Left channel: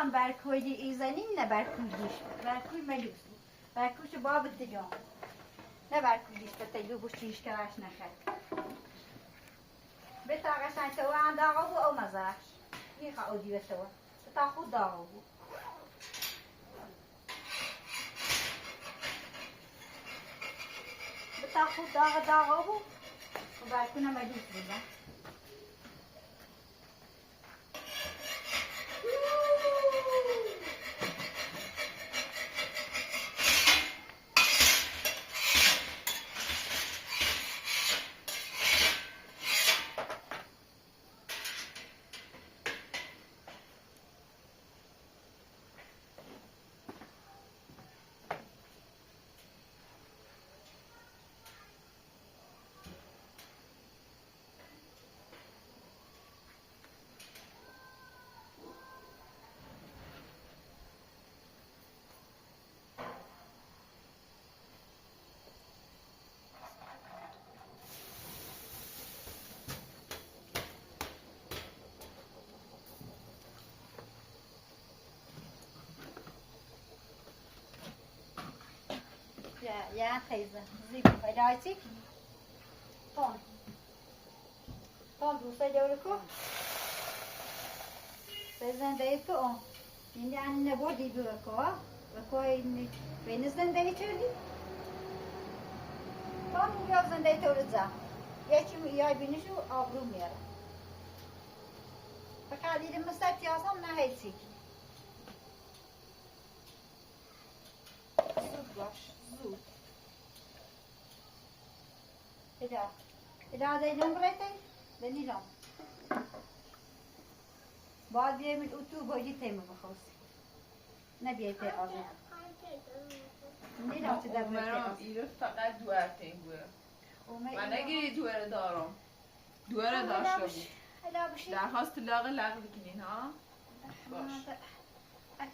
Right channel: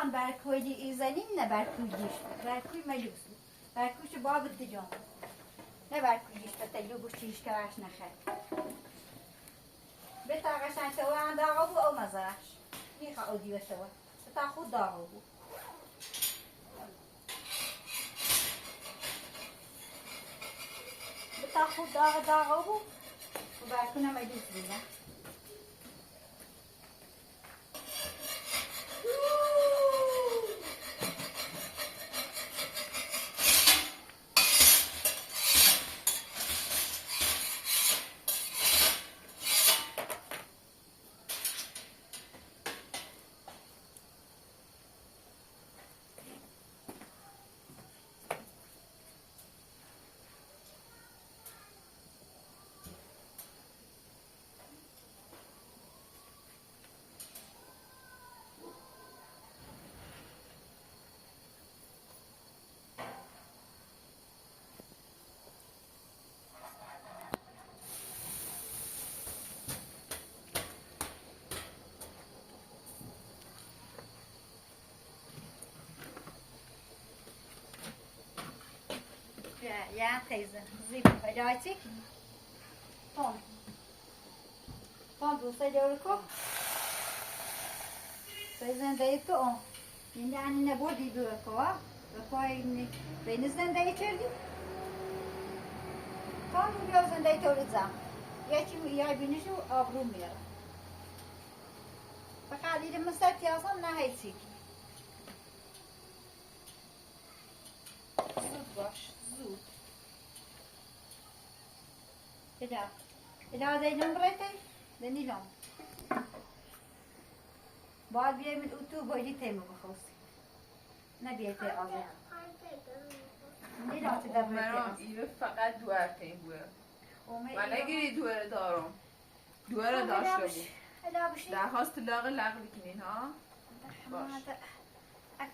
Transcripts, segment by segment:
هان برکوی ایزنین نه برکوی گیشت برکوی ملوس برکوش باب تجام نه برکوی گیشت تجلو بوشتیش که عش نخد بتا قشنگ تو عند آقا بو او مزاش میخوا او دیو تو بتا خود آقا بو بتا خود آقا بو و برکو نمجوز بودن Ja, teyze. Zibin felatik. Kon دوسته جوری کو. زنده تو آن. این یعنی نبودی دور کو. کوی بین زنده کردی. kon بیا زنده تو رزام. یکی میای بینشو آبرو میاره. فقط دیدم مستعدی آسان نه هیچی. زود باش. زود. إذا زينون بريتي بنيلهم بعد بيعمل أوتو بايدي تيمو بخوصي نبي تي أبو نيلهم تقدر بريتي إيوه فقط دوار تيموه من نگیری دوره دارم دوره داشته بود درخواست لغ بکنین ها باش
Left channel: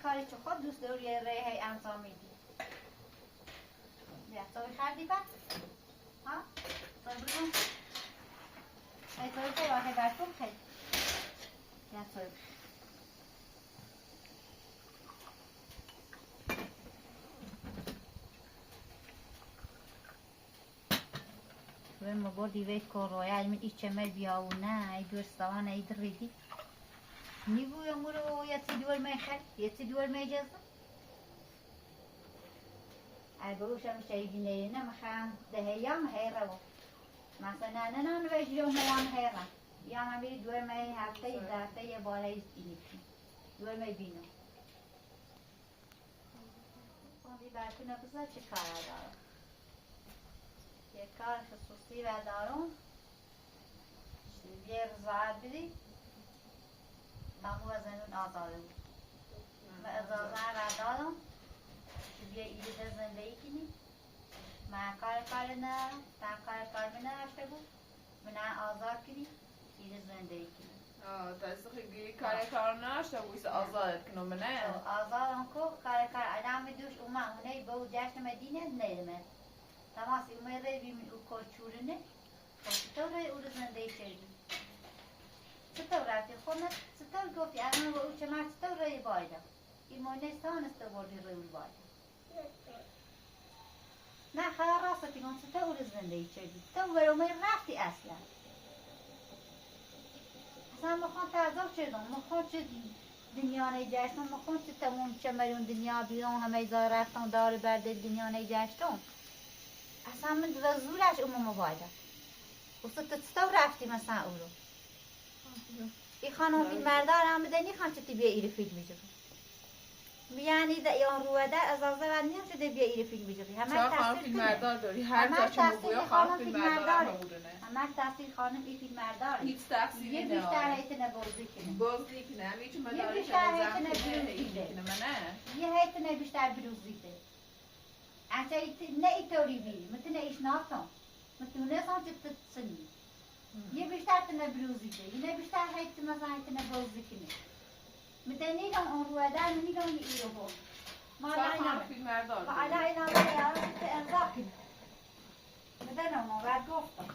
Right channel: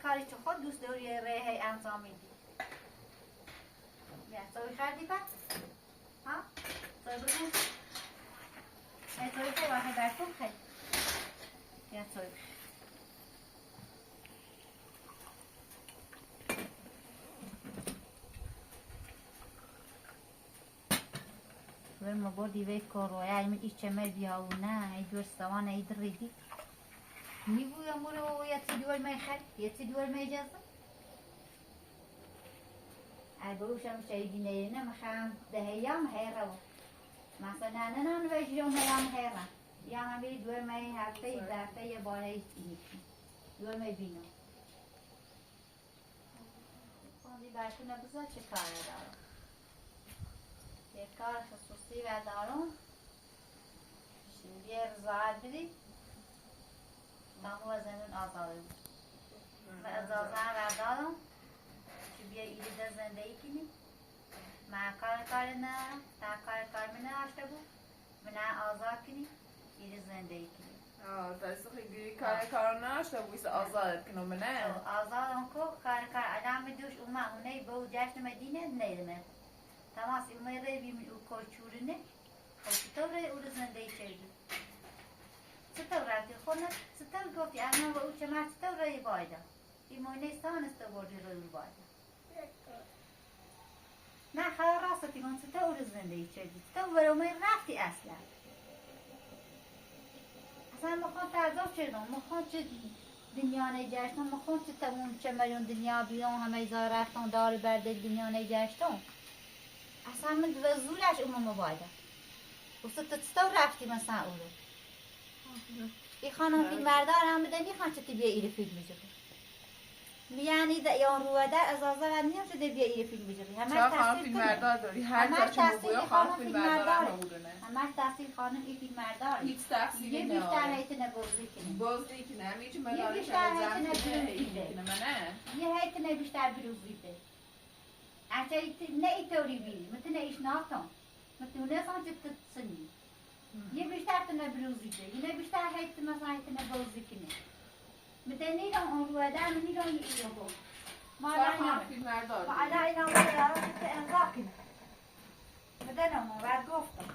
کاری تو خود دوست داری ریه انجام میدی بیا سوی خردی بعد ها سوی بگم ای سوی خیلی واقعی برکن خیلی بیا سوی سوی مبار دیوه کار روی علم ای چمر بیا و نه ای دوستوان ای دریدی نیبوی امورو یتی دول میخری یتی دول میجازه البروشم شايدين لنا مخان دهيام هيرو مثلا أنا نوجدهم هيام هيرا يام أبي دول ما يهرتي ذاتي يبالي تيجي دول ما يبينو هذي بعدنا بزاف شكار دارو شكار خصوصي دارو شير زادري ما هو زمن آزارو ما آزار دارو بیا ایده زندگی کنی ما کار نه تا کار منه هفته بود منه آزاد کنی ایده زندگی کنی دست خیلی کار نشته بود آزاد کنم منه آزاد انکو کار آدم دوش اونه با جشن مدینه نیدم تماس اومه ری بیم او کارچورنه خب تو ری او زندگی کردی چطور رفتی خونه چطور گفتی انا و او چما چطور ری بایده این مونه سانست بردی ری بایده نه خیلی راستی کن چطور زندگی کردی تو برای رفتی اصلا مخوان تعذاب کردم مخوان چه دنیا نگشتم مخوان چه تموم چه میلیون دنیا بیرون همه ایزا رفتم داری برده دنیا نگشتم اصلا من وزولش امام بایده و چطور رفتی مثلا او رو این خانم فیلم بردار هم بدنی خان چطور بیا ایره فیلم میجوری میانی دا یان روده از آزار نیم شده بیا ایره فیلم بیجوری همه خانم فیلم بردار داری هر جا که بگویا خانم فیلم بردار نبودنه همه تحصیل خانم این فیلم بردار هیچ تحصیلی نه یه بیشتر هیتنه بازی کنه بازی کنه همیچه من یه بیشتر هیتنه بروزی ده یه هیتنه بیشتر بروزی ده انچه نه ایتوری بیری متنه ایش ناتون متونه سان چه تسنی یه بیشتر تنه بروزی ده یه بیشتر هیت مثلا هیتنه بازی کنه متنی کم اون رو دار منی کم یه رو ما على اینا ولی انزا کنه متنه ما بعد گفتم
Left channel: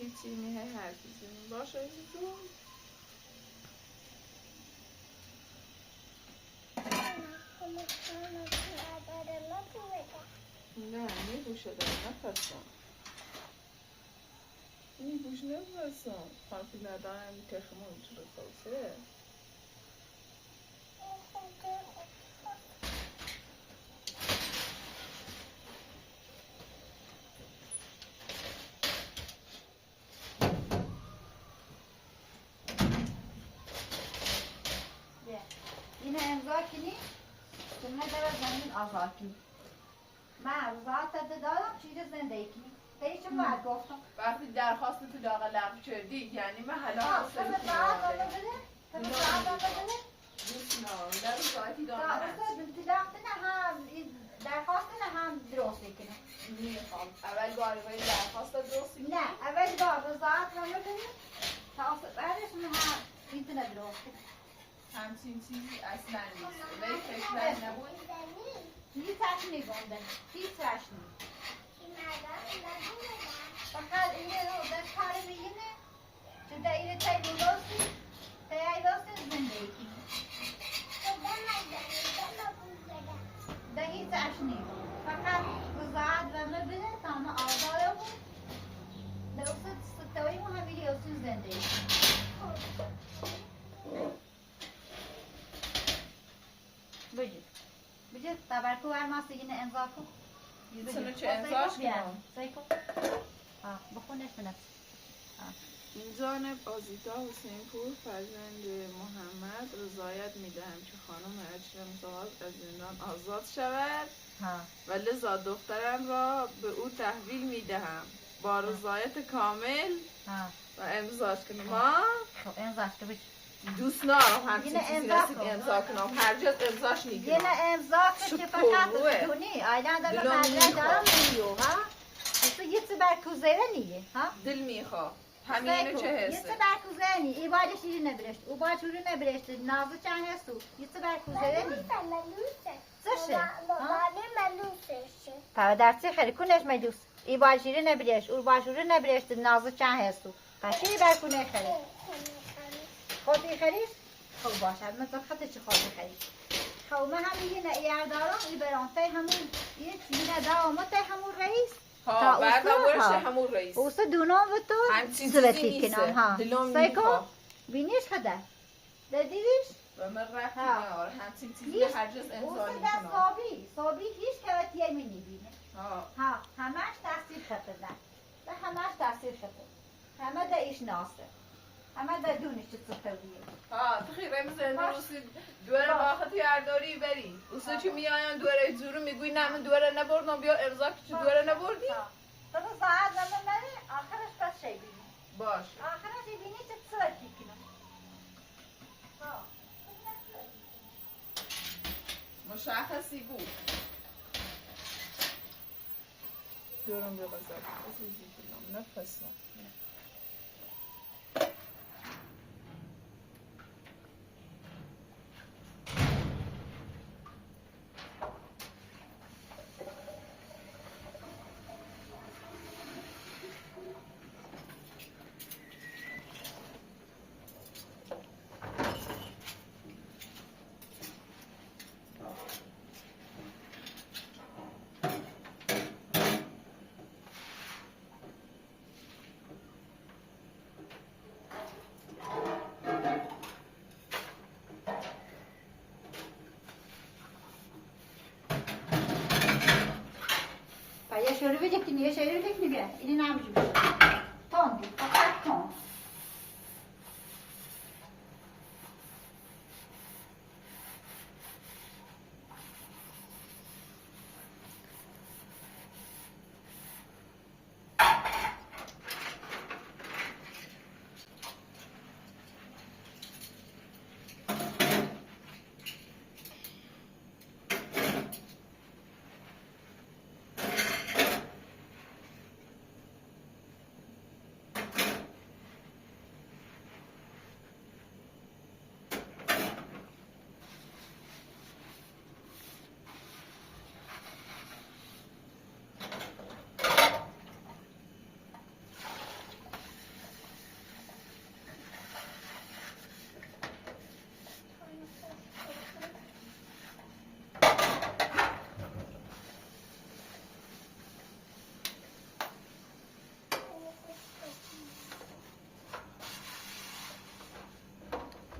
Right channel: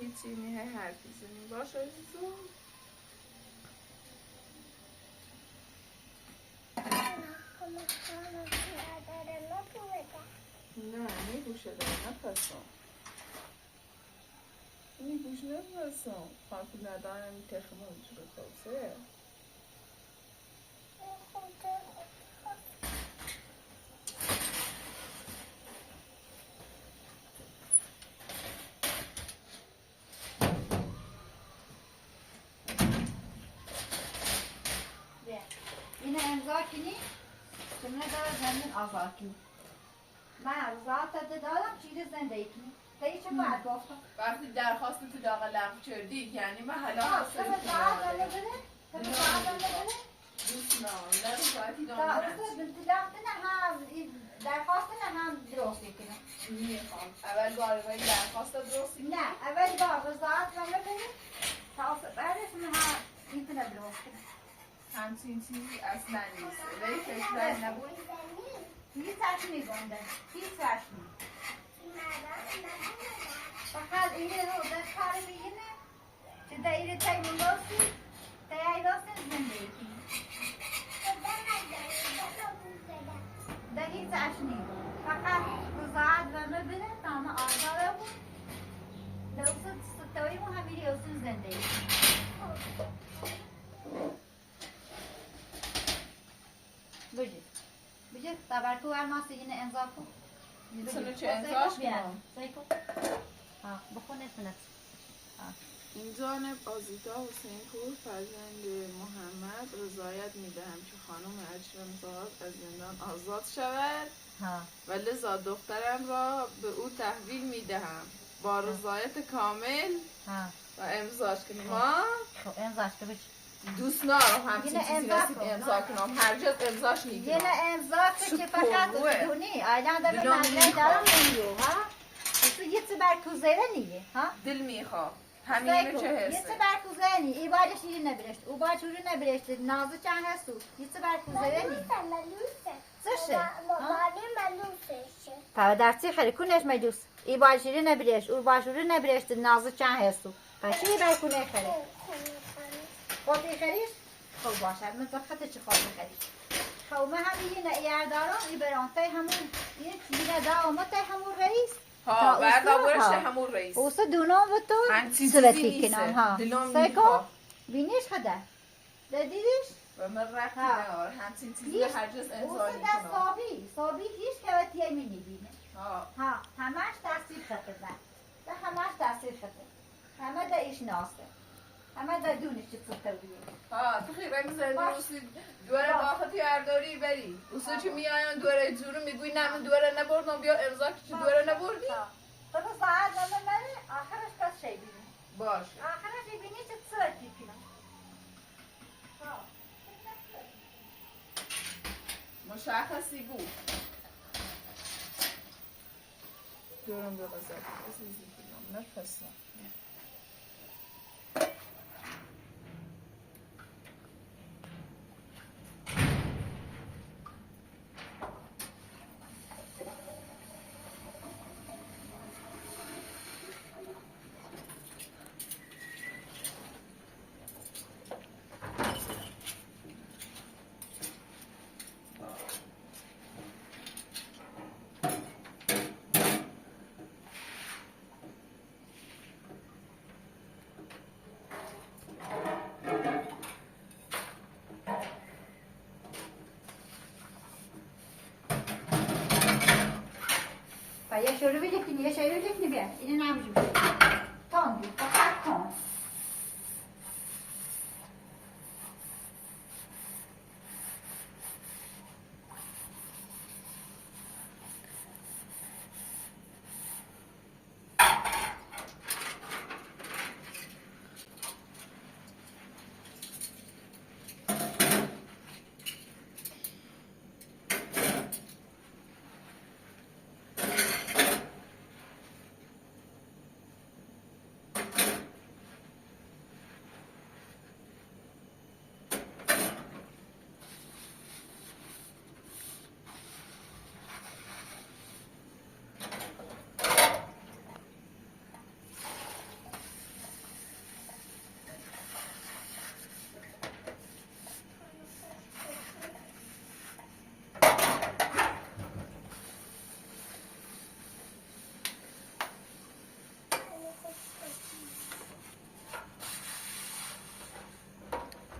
هیچی میه حرف بزنیم باشه عزیزم. نه میگوشه داره نپسم میگوش نپسم خواهی ندارم این تخمون چه بخواسته اینه امضا کنی سنه داره زمین آزاد کنی من روزات دادم چیز زندگی کنی تایی چه باید گفتم وقتی درخواست تو داغ لغو کردی یعنی من حالا تو به ساعت داده بده تو به ساعت داده بده دوست نه در ساعتی تا دانه اصلا بنتلاقت نه هم درخواست نه هم درست کنه میخوام اول گاریبایی درخواست درست نه اول بار روزات رو بده تا اصلا بعدش نه هم اینترنت درست کنه همچین چیزی اصلا نیست ولی فکر نبود هیچ وقت نیگونده هیچ وقت نیست فقط اینه رو در کار بینه که دایره تای ملوسی تای داستن زندگی کنی در هیچ وقت نیگون فقط روزات و مبینه تا همه آزاده بود در اصلا ستایی مو همیری اصلا زندگی کنی بجید تبرکو ورماسی اینه امضا کن سنو چه امضاش کنم سایکو بخونش بنفس این جانب آزیتا حسین پور فرزند محمد رضایت میدهم که خانم اکرم‌زاد از زندان آزاد شود و لذا دخترم را به او تحویل میدهم با رضایت کامل و امضاش کنم خب امضاش که بچه دوست نارم همچین چیزی رسید امضا کنم هر جز امضاش یه میگیرم نه امضا که فقط دونی آیدان در مدرک دارم نمیو ها تو یه چه برکوزه نیه ها دل میخواه همینه چه یه حسه چه برکوزه نی ای باید شیری نبرشت او باید شیری نبرشت نازو چند هستو یه چه برکوزه نی چشه تا درسی خیلی کنش مدوس ای باید شیری نبرشت او باید شیری نبرشت نازو چند هستو پس شیری برکونه خیلی خودی خرید؟ خب باشه من خطه چه خواهی خرید خب من هم یه نعیر دارم ای برانته همون یه دامت همون رئیس ها بردارش همون رئیس اوسا دونام و تو سلطی کنم ها سیکو بینیش خدا دیدیش؟ و من رفتی نهار همچین چیزی هر جز امضا اوسا در صابی هیچ که می نبینه ها همش تحصیل خطه ده همش تحصیل خطه همه ده ایش ناسه همه در دونش چه تویه ها تو خیلی میزنی روسی دوره باختی هرداری بری اوسا چی میاین دوره جورو میگوی نه من دوره نبردم بیا امضا که چه دوره نبردی تو ساعت نمیدونی آخرش پس شی بینی باش آخرش بینی چه صورتی کنم ها مشخصی بود دورم به غذا عزیزی کنم نفسم یه شروع بده کنی یه شروع بده کنی بیا اینه نمیجوری تاندی فقط تاند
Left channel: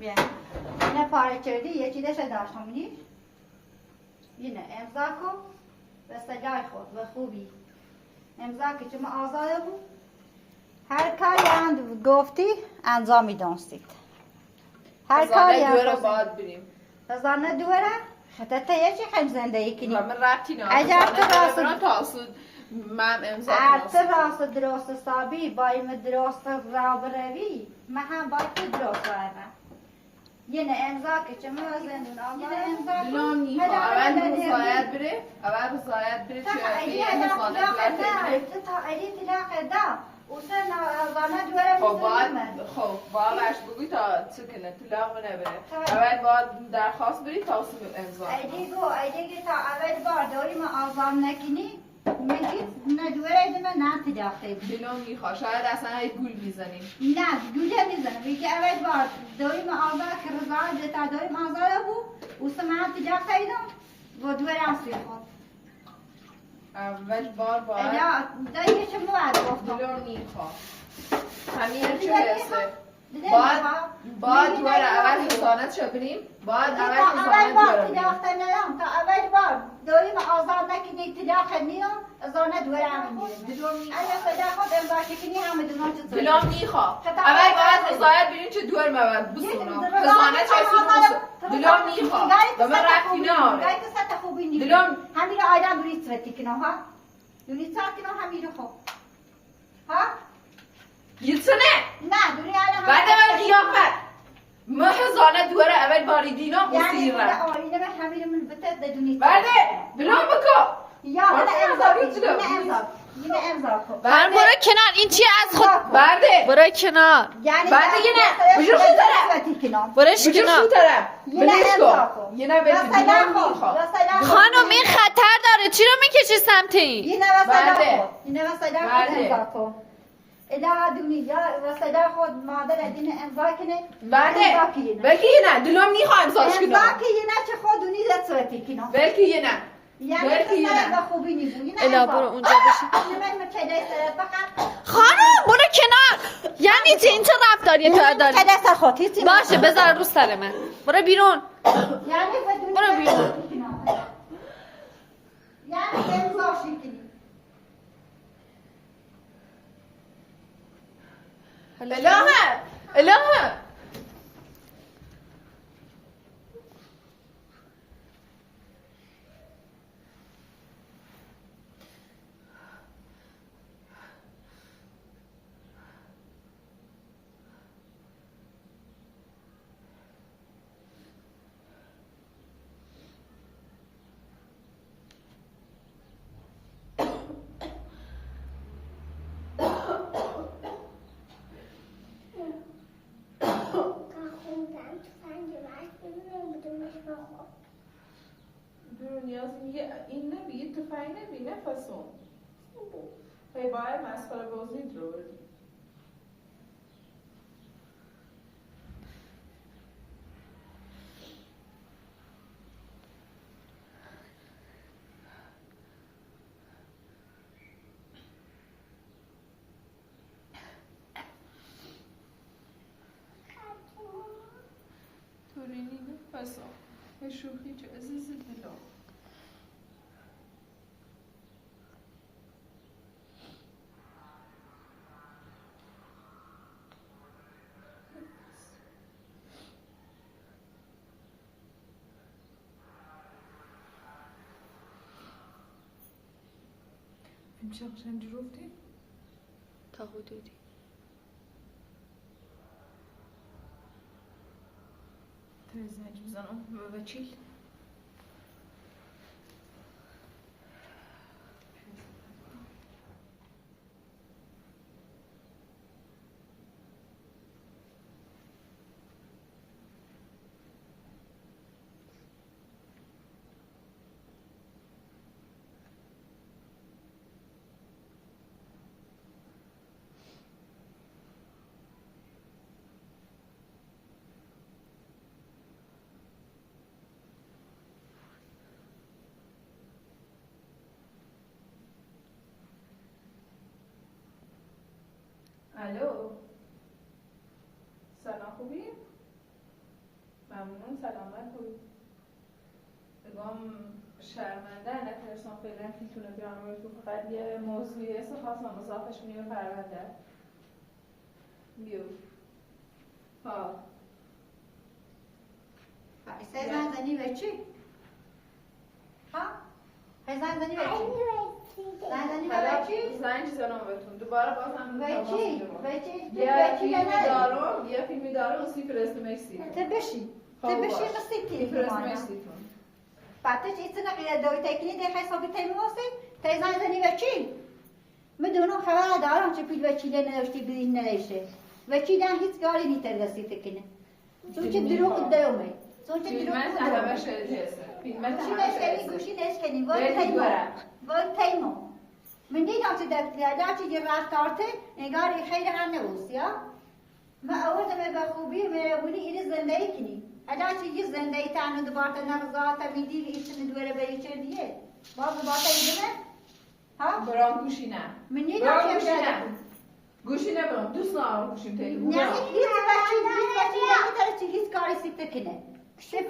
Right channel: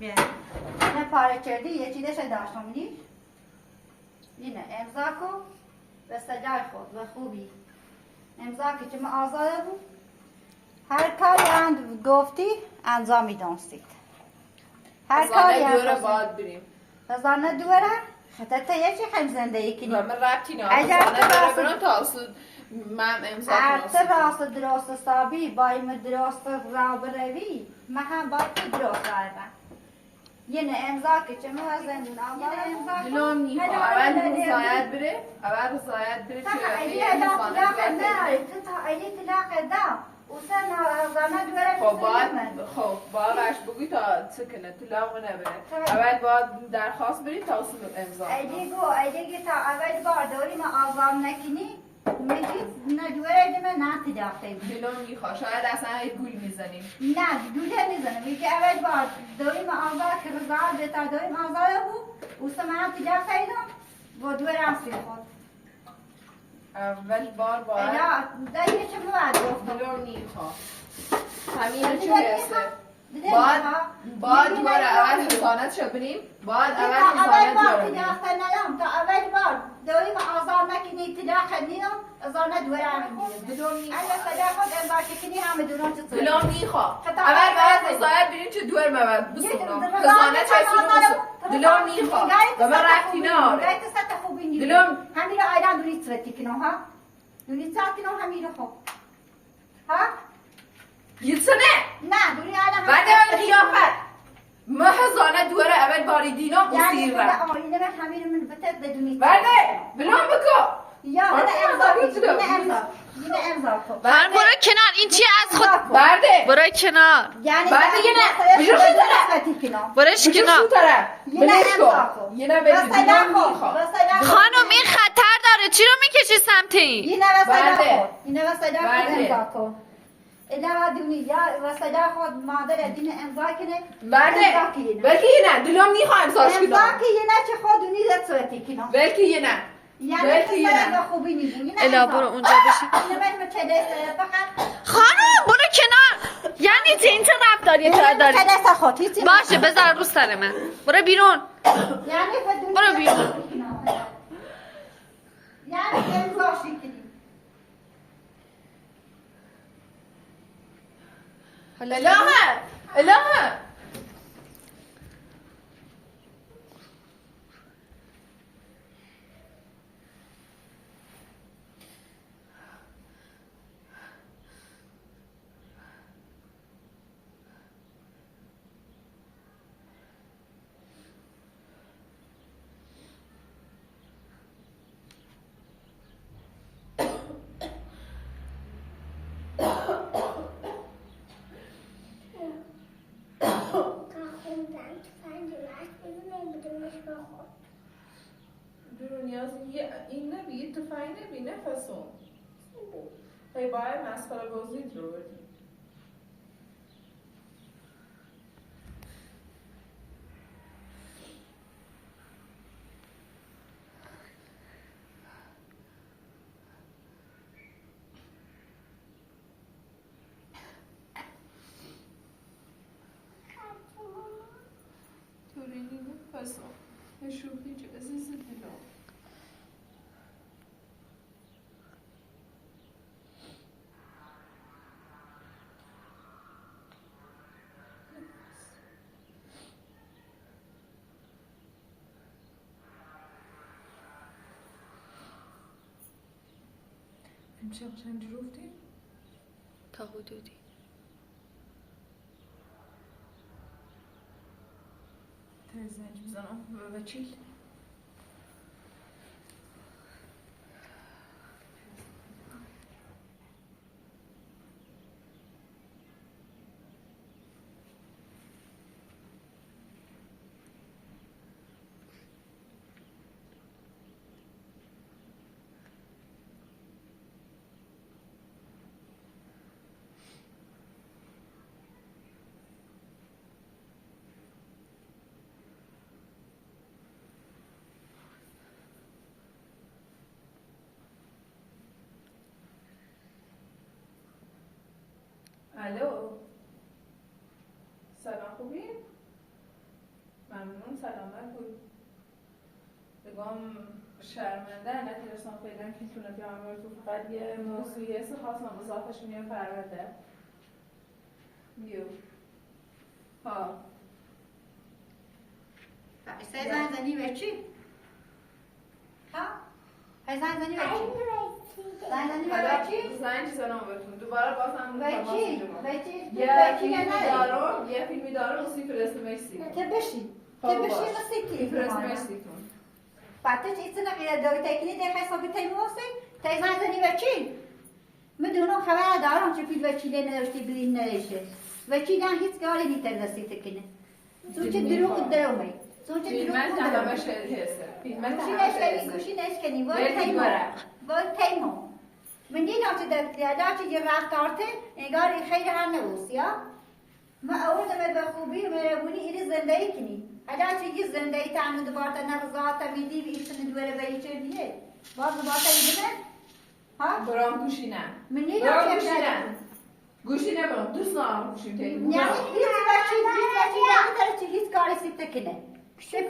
بیا اینه پاره کردی یکی دست داشتم میدی اینه امضا کن به سجای خود به خوبی امضا که چه آزاده بود هر کاری اند گفتی انجام میدانستید هر کاری دوره باید بریم خزانه دوره خطت یکی خیلی زندگی کنی و من ربطی نه اگر خزانه دوره برم تا اصلا من امضا کنم راست درست حسابی بایم درست را بروی من هم باید تو درست روم یه امضا که چه موازندون آمار امضا کن دلم میخوا اول رضایت بره اول رضایت بره تا ایلی تا ایلی تلاقه دا و سن غانه دوره خب باید بگوی تا چه کنه طلاق نبره اول باید درخواست بری تا اصلا امضا ایلی تا اول بار دوری ما آزام نکنی میگی نه دوره ایده من نه تلاقه بود دلم میخوا شاید اصلا گول میزنیم نه گوله میزنم میگه اول بار دوری ما آزاد که رضایت تا دوری ما آزاده بود و سن من تلاقه ایدم و دوره اصلی خود اول بار باید نه دیگه چه موعد گفتم دلم میخوا همین چه هسته باید دوباره اول حسانت شو بریم باید اول حسانت دوباره بریم تا اول بار دویم آزار نکنی تلاخ نیم ازانه دوره هم میریم اگه صدا خود امضا کنی همه دونان چطور دلم میخوا اول باید رضایت بریم چه دور مبد بسونم حسانت چه سونم دلم میخوا و من رفتی ناره گایت سطح خوبی نیم دلم همین رو آیدم برید سوتی کنم ها دونید سات کنم همین رو خوب ها یتسنه نه دوری آیدم بعد من قیافت ما حسانت دوره اول باری دینا بسیر رم آینه به همین من بتت بدونید برده بلوم بکو یا یه امضا کن برو کنار این چیه از خود برده برو کنار برده یه نه بجوش این طرف برش کنار بلیش کن یه نه بجوش خانم این خطر داره چی رو میکشی سمت این اینه وسیله خود امضا کن اله دنیا وسیله خود مادر دین امضا کنه برده بلکه یه نه دلم میخوا امضاش کنم امضا که یه نه چه خود دونی زد صورتی کنم بلکه یه نه یعنی سر خوبی نیبونی اله برو اونجا بشی خانم برو کنار یعنی چی این چه رفتاریه تو داری باشه بذار رو سر من برو بیرون برو بیرون یعنی امضا شکنی الهه این نبی تفاحی نبی نفسون هی باید مسخره بازید رو بدیم تورینی نفسون هی شوخی چه عزیز دلم امشب قشنگ رفتی؟ تا حدودی زنج بزنم و بچیل الو سلام خوبی؟ شرمنده نتونستم فعلا که تونه بیام تو فقط یه موضوعی است خواستم اضافهش کنیم پرونده میو ها زن زنی به چی؟ ها؟ زن زنی به چی؟ زن زنی به چی؟ زن چیزا بهتون دوباره بازم به چی؟ به چی؟ یه فیلمی داره موسیقی فرست مکسیک تو بشی موسیقی بعدش ایتنا غیر دوی تکنی ده حسابی تیموسی تیزن زنی و چی؟ مدونم خبر دارم چه پیل وچیله نداشتی بین نداشته وچیله هیچ کاری نیتر رسیده کنه تو چه دروغ درومه تو چه دروغ درومه گوشی نشکنی وای تیمو من دیدم چه در چه یه رفتارته انگار خیلی هر نبوست یا ما اول دم به خوبی میگونی این زندگی کنی حالا چه یه زندگی تانو دوباره نرزات میدی ایشون دوره به ایشون نیه باز دوباره ایدمه ها برام گوشی نه من نیدم گوشی نه برام دوست ندارم گوشیم تیمو یعنی هیچ بچی نمیتونه چه هیچ کاری سیفته کنه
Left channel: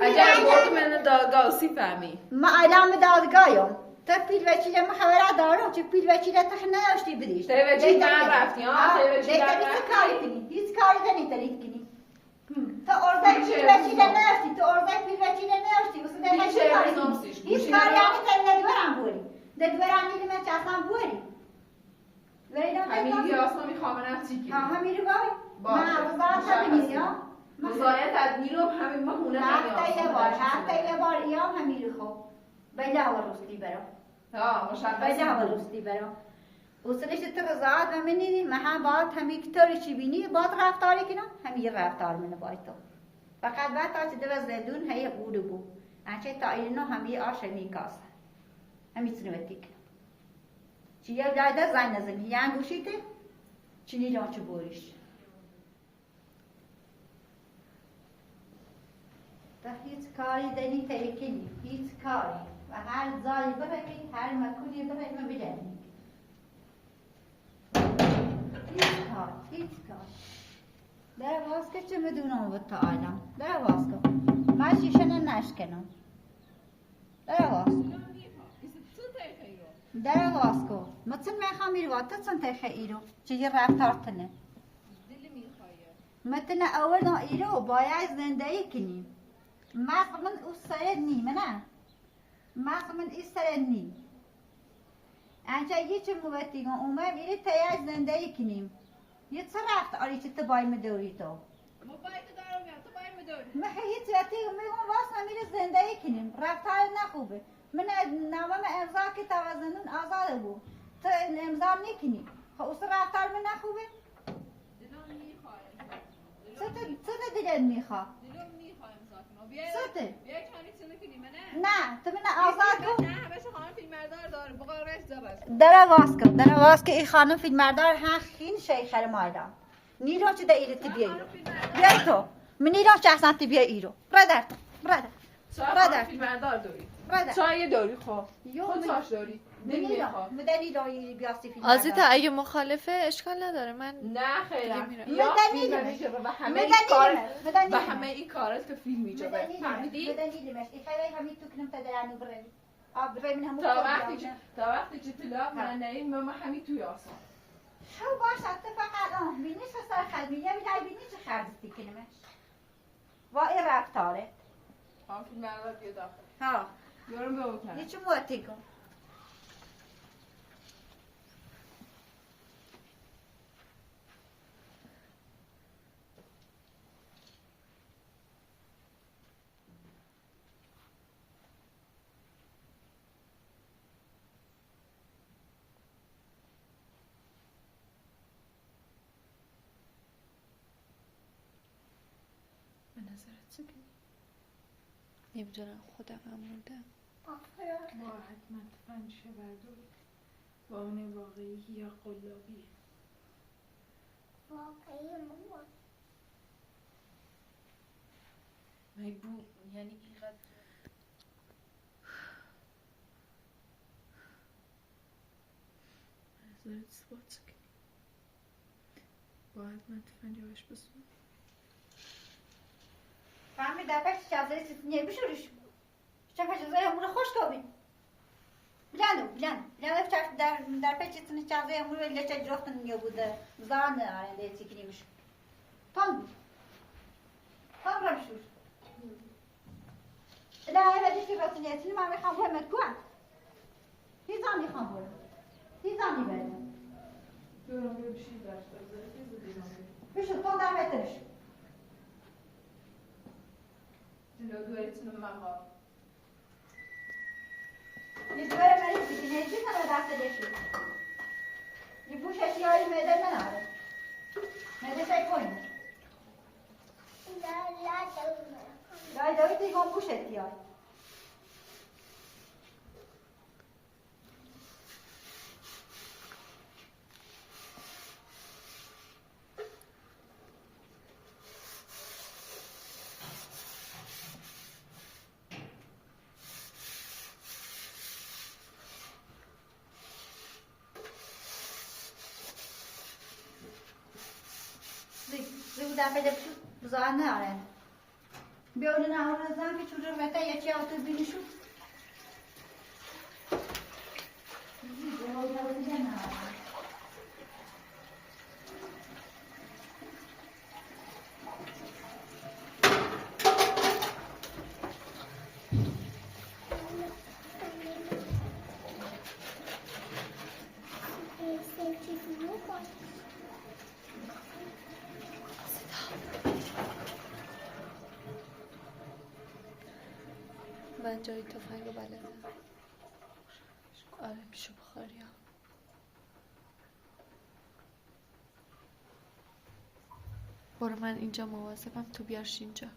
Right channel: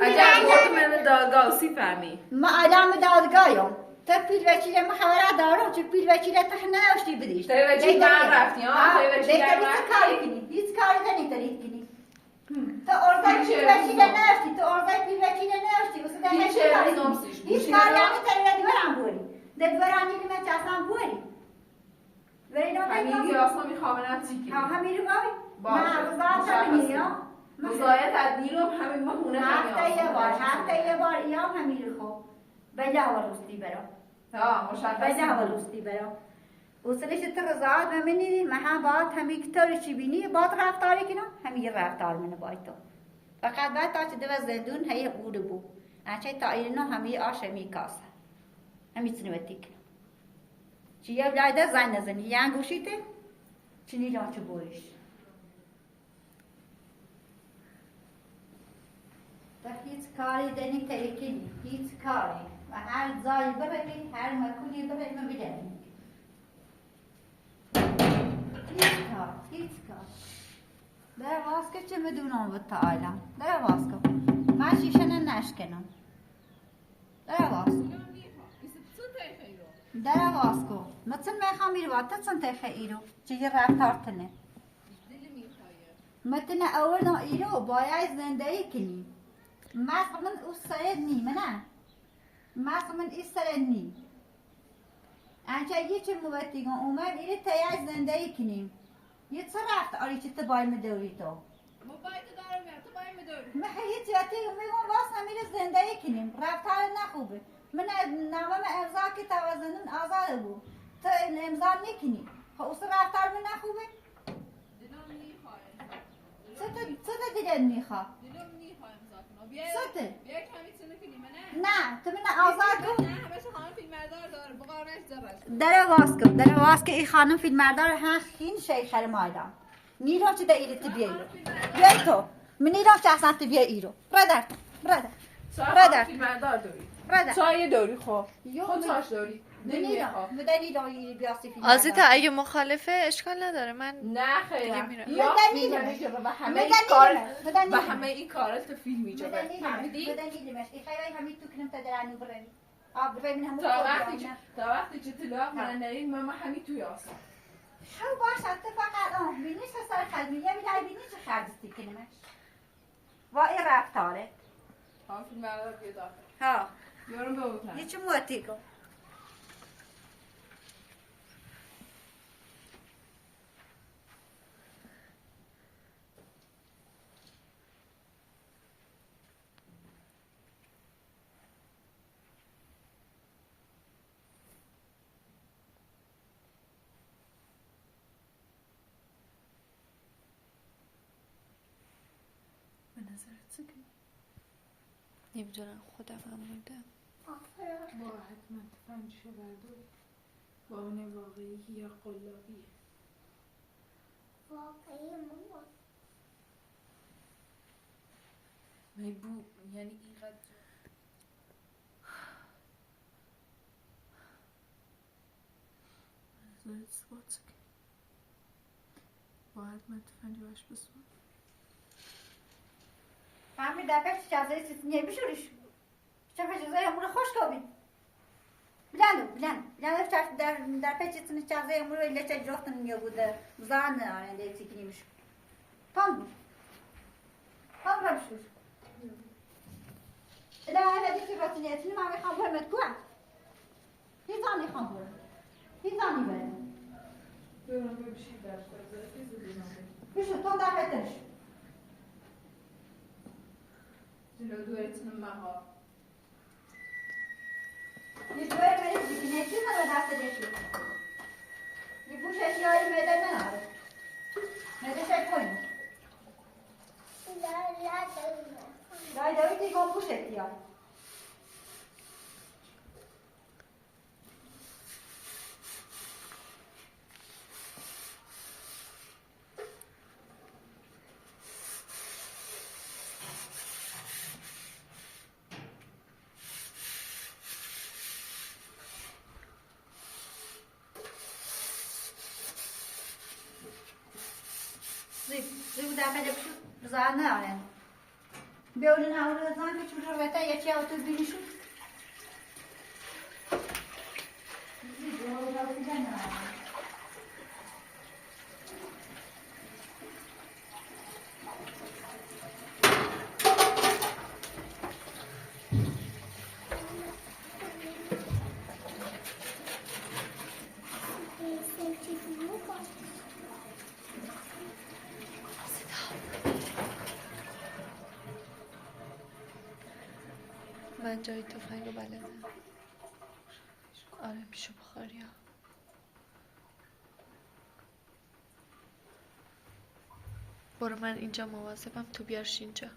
اگر من دادگاه فهمی ما الان دادگاهیم تو پیل وکیل ما خبره دارم چه پیل وکیل تخ نداشتی بدیش تو وکیل من رفتی ها تو وکیل کاری کنی هیچ کاری نمیتونی کنی تو ارزای پیل وکیل نداشتی تو ارزای پیل وکیل نداشتی واسه در هیچ کاری نمیتونی دورم بوری در دورم نیلی من چاسم بوری همین گیاسا میخوام چی کنی همین رو باید نه وزارت همینی ها مزایت ادنیرم همین ما خونه هفته یه بار ایام همین رو خوب بله و روستی برام بله و روستی برام اصلش رضایت و منی من باید همین کتاری چی بینی باید رفتاری کنم همین رفتار منه باید تو فقط باید تا چه دو زندون هی اوده بو انچه تا اینو همین آش همین کاسه همین سنوتی کنم چی یه بلایده زن نزنی یه انگوشیته چی نیدان چه بویش تو هیچ کاری دنی تریکنی هیچ کاری و هر جایی بروی هر مکانی بروی ما بدهیم هیچ کار در واسکه چه میدونم بود تا عالم در واسکه من شیشنه نشکنم در واسکه در واسکه مثل میخوام ایرو تا چند تخه ایرو چه یه رفتار تنه مثل اول نا ایرو باید زندگی کنیم مثلا او سرد نی منه مثلا این سرد نی انچه یه چه موتی گم اومد ایره تایید زندگی کنیم یه چه رفت آری چه تبای مدوری تو باید دارم تو باید مدوری من هیچ وقتی میگم واسه میره زندگی کنیم رفتار نخوبه من نوام امضا که توازنون آزاد بود تو امضا نکنی خب اصلا رفتار من نخوبه دلم میخواد چه دلت میخواد دلم میخواد امضا کنم چته بیا کمی چونه کنی نه تو من آزاد کن نه همش خانم فیلمبردار داره بقارش زبر در آواز که این خانم فیلمبردار هم خیلی شیخر مایدان نیرو چه دایره تی بیا ایرو بیا تو من نیرو چه اصلا تی بیا ایرو برادر فیلمبردار داری برادر چای داری خب خود چاش داری نمیخوام مدنی داری بیاستی فیلم آزیتا اگه مخالفه اشکال نداره من نه خیرم مدنی و همه این کارات که فیلم میجابه فهمیدی؟ مدنی خیلی همین تو کنم تا درانو برن برای من همون تا وقتی که طلاق من نهیم ما همین توی آسان شو باش تو فقط بینیش سر خلبی یه بیدای بینیش خرزستی کنمش و این رفتاره هم فیلم بردار بیا داخل ها یارم به اوتن یه چه موتی کن نمیدونم خودم هم موندم با حتما تفنگشه برداری با اون واقعی یا قلابی واقعی مامان میبو یعنی اینقدر از اثبات کنی با حتما تفنگه باش بسون همین دفعه چیزایی نمیشوریش چه چیزای امور خوش کابین بلند در پیچتون چیزای امور ولی چه جفتن میو بوده زان آرنده تیکنی میشه تام رمشوش لا هذا دي في رتنيتني ما يخمر متكوع هي زاني خمر هي زاني بل بشو طول دعم يتمش جلو دويتن مها يدور مريض بتنيتي ما لا دعت ديشو يبوش اشياء الميدان ما نعرف ميدان شاي كوين لا دويتي قوم بوش اشياء زي دافع جبشو زانه آرن بیولن آورد زن که چون رو بهتر یکی آوتو بینیشو من جای تفنگ رو بلدم آره پیش بخاری ها برو من اینجا مواظبم تو بیارش اینجا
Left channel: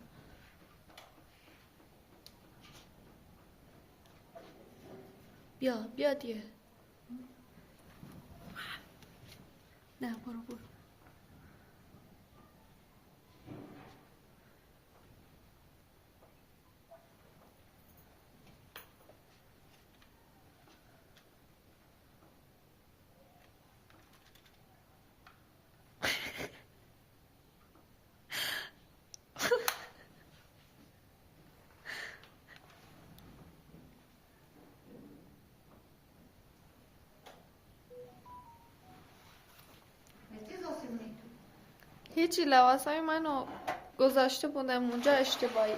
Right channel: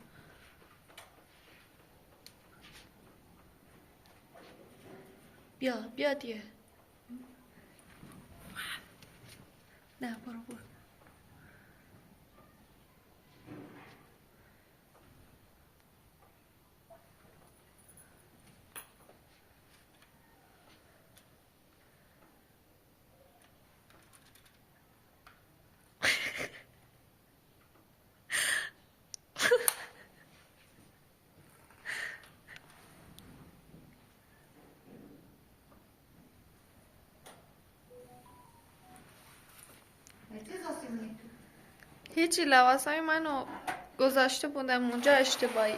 بیا دیگه نه برو هیچی لباسای منو گذاشته بودم اونجا اشتباهی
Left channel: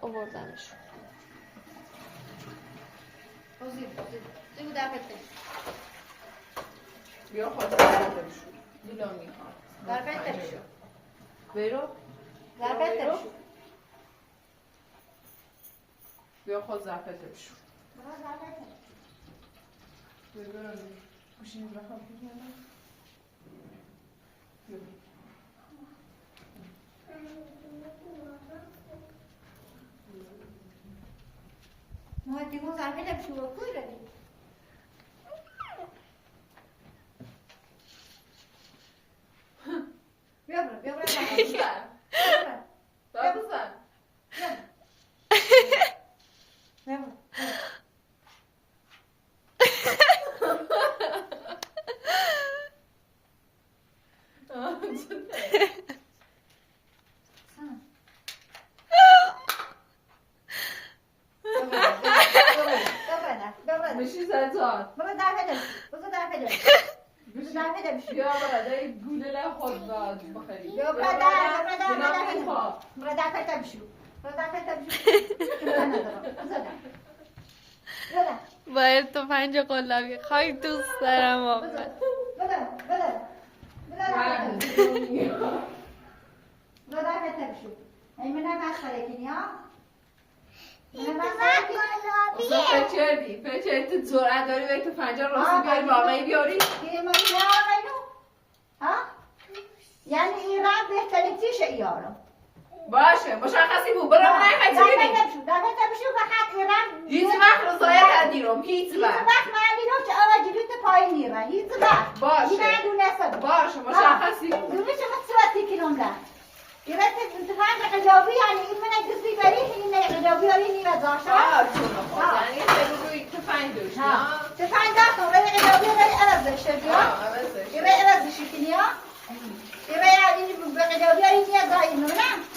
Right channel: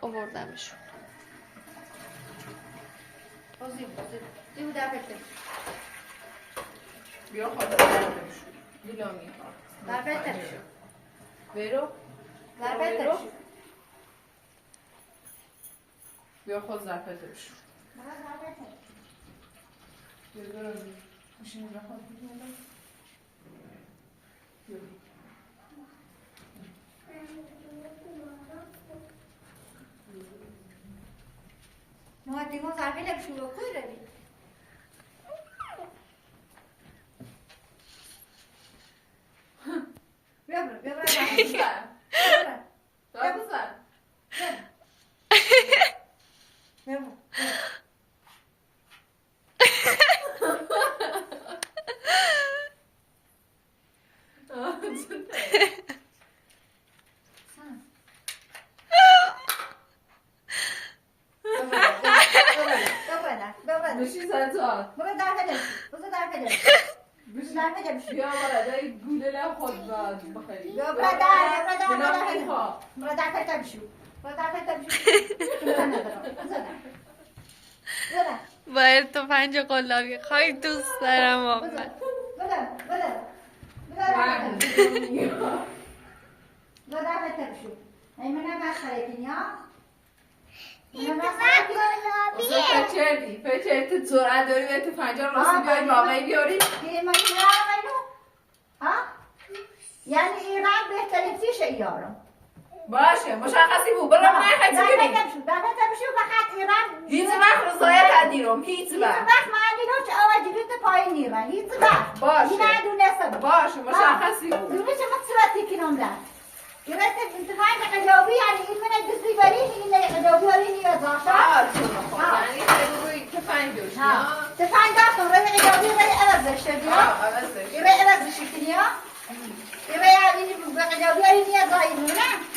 آوردمشون بیا خود بردمشون دیلامی ها بربتمشون بیرو بربتمشون بیا خود زرفتمشون بیرو بشین رخواه بیرو ما دیگه زربی نمیشون رو کوی روی بیا بشی زنجان برو در بشی بیا برای گوله لب خود بخری برو در بشی باید تفنگ قلابی خواهی دوست دارم واقعا فچه زوره داری و تفنگ راستی بیاری واقعی بیاری یعنی ایران بهترین چیشه یارم باشه مشخصی بود برو من خیلی کنی بشو فقط ایران هیچ وقت رضایت ندیرم هیچ وقت من دیرم چه آواجیدوت پایین ایران هیچ وقت باشه اینا دونسته باشه مشخصی بود دونه چه مصرفی کنم ده ایران انتخاب قلابی یعنی این من گزی بری این قلابی هایی نیاز داشت یعنی خیلی روی تفنگ داشت تفنگ داشت روی قلابی روی عوضش شدی روی عوضش کنی روی این قلابی هایی نیاز دایی نه